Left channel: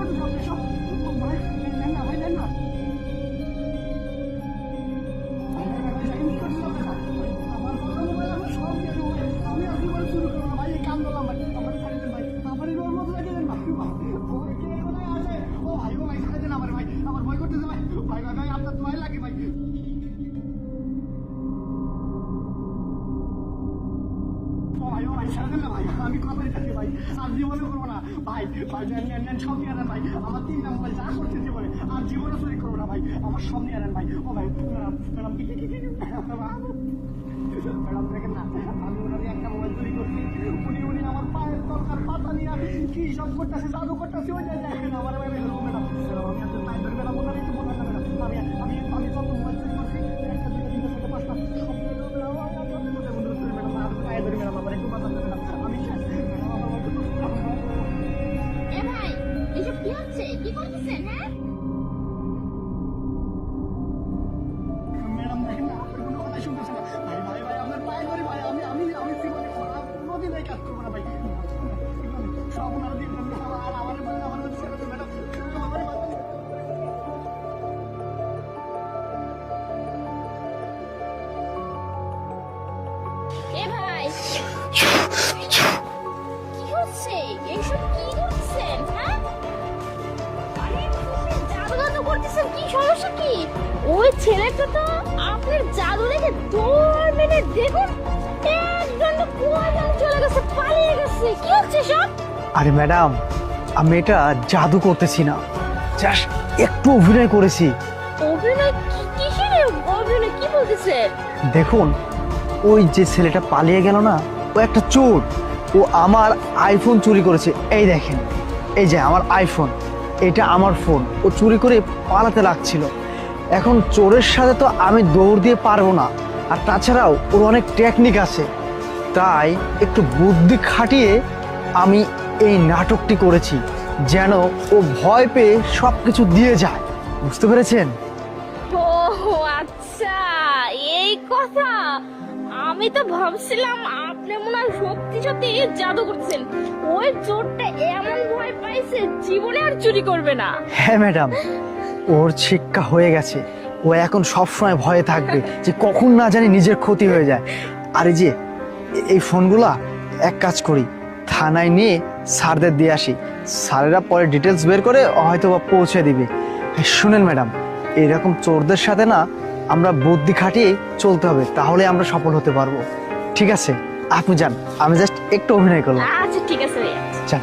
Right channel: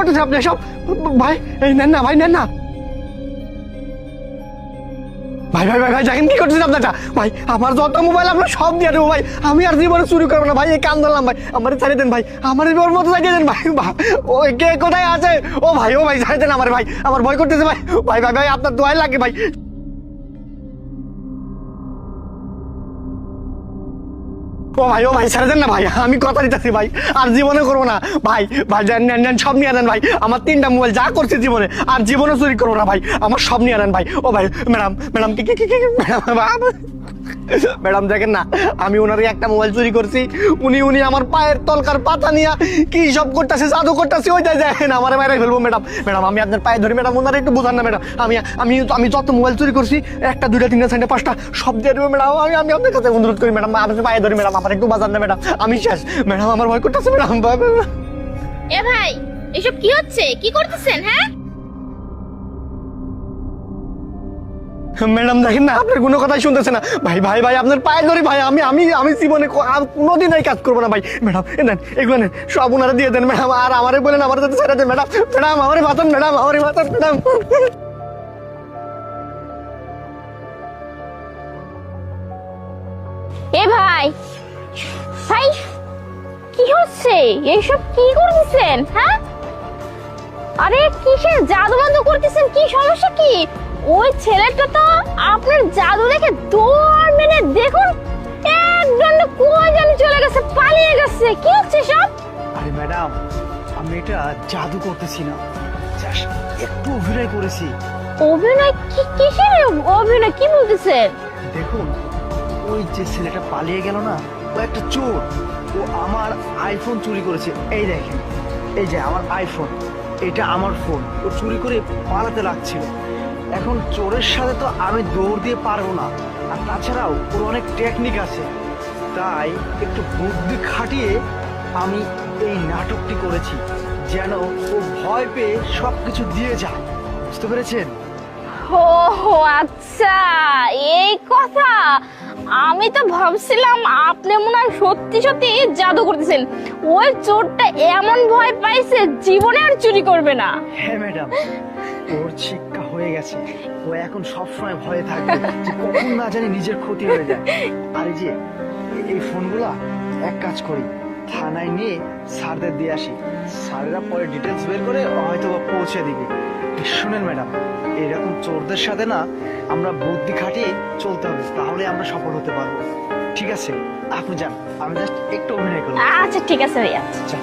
করতেছেন আপনি সব? ভাই এই নেন না ভাই, নেন না ভাই। ভাই ভাই ভাই দেখেন কি করতেছেন আপনারা ভাই। আমার যত মোবাইল আপনার সব দিয়ে দেবো ভাই, আমি আর জীবনে চুরি করবো না ভাই। এই কান ধরলাম ভাই, আমার ছাড়িয়ে দেন ভাই, আমার ওর মতো ছাড়িয়ে দেন ভাই। ও কে কোথায় আছে? ও ভাই ছাড়িয়ে দেন আমার ভাই, আমার ভয় করতেছে ভাই। ভাই ভাই ভাই আপনার দোয়াই লাগে ভাই। ও ভাই ছেড়ে দেন না ভাই, আমি কথা দিতেছি ভাই, আর জীবনে করবো না ভাই। ভাই নেন নেন সব নিয়ে আনেন ভাই, আমার 3টা মোবাইল যা করছে জীবনে, আর জীবনে চুরি করবো না ভাই, আমার সব নিয়ে আনেন ভাই। ও ভাই ম্যাডাম ম্যাডাম কি ম্যাডাম দেখেন না, আমি ওনারই একটা মোবাইল চুরি করছি, উনি আমার পায়ের তলকার পাতা নিয়ে কি সব করতেছে, জাদু করতেছে, ওইটাই দেখেন আমার বাইরে ফেলবো। ম্যাডাম ম্যাডাম আমি আপনার পায়ে ধরি ম্যাডাম, ওনারা একটু বোঝান না ম্যাডাম। আমি যত মোবাইল চুরি করছি 1টা 2টা 3টা 4টা 5টা সব দিয়ে দেবো ম্যাডাম। আমি আপনার কাছে অনুরোধ করি ম্যাডাম, আপনার পায়ে ধরি ম্যাডাম, আমার একটু বাজান না ম্যাডাম, আমি শেষ ম্যাডাম, আমার ভয় করতেছে ম্যাডাম। এ ভাই, এসব কি হচ্ছে? কি করতেছেন? হ্যাঁ ম্যাডাম দেখেন না, আপনার কোনো কথাই শুনতেছে না ভাই। ভাই ভাই আপনার পায়ে ধরি ভাই, আমি আমি আমি জীবনে কোনোদিন এই কাজ করবো না ভাই। ম্যাডাম নেন এগুলো নেন, সব ওনারা দিয়ে দেন ম্যাডাম, আর আমারে বলেন আমার সাথে ছেড়ে দেন ম্যাডাম। ম্যাডাম আমারে বাঁচান ম্যাডাম, আমারে বাঁচান ম্যাডাম। এ ভাই, ভাই কি হচ্ছে? এইসব কি করতেছেন? হ্যাঁ আরে কিসের জাদু বাদু করতেছেন? কি সমস্যা কি? ওই ছেলেটা তো আপনার জাদু দেখে দৌড় মেনে দেখুন একদম কই জানি চলে গেছে, পালিয়ে গেছে। কি হচ্ছে সব? আরে ম্যাডাম, আমি এটা জাদু করতেছি না, জাস্ট একটু অভিনয় করেছি। অভিনয়? কিসের অভিনয়? কি বলতেছেন? দেখুন, ওই যে ছেলেটা পালিয়ে গেল না, ও একটা চোর। ও আমার আইফোন চুরি করেছে। এই দেখেন, এই যে আমার আইফোন, এটা আমার ফোন। ও চুরি করে পালাতে লাগছিল। এখন চোরের সাথে তো আমি দৌড় দিয়ে পারবো না, আর তাছাড়াও ওর অনেক টেকনিক আছে। তাই একটু বুদ্ধি খাটিয়ে আমি এই নাটকটি করেছি, যেন ও ভয় পেয়ে সব কিছু দিয়ে যায়। বুঝতে পেরেছেন? ও আচ্ছা, এই কথা। আমি তো ভাবছিলাম আপনি মনে হয় সত্যি সত্যি জাদু করতেছেন। ওই চোরটা এমন ভয় পাইছে জীবনে আর চুরি করবে না। হ্যাঁ ম্যাডাম, ওর শিক্ষা হয়ে গেছে। ও এখন সবসময় ভয়ে থাকবে যে কখন না জানি নিজের ক্ষতি হয়ে যায়। আর এই যে এই ফোনগুলা, এক কাজ করি, থানায় নিয়ে স্যারদের দিয়ে আসি, স্যারেরা পরে ডিটেলস বের করে হয়তো বা পৌঁছে দিবে। শুনেন ম্যাডাম, এইরকম চোরদের সাথে না আমরা বুদ্ধি খাটিয়ে চলতে হবে, তাহলে আমরা সফল হতে পারবো। ঠিক আছে, আপনি যান, আমি জাস্ট একটু অভিনয় করলাম। আচ্ছা ঠিক আছে ভাইয়া। যান।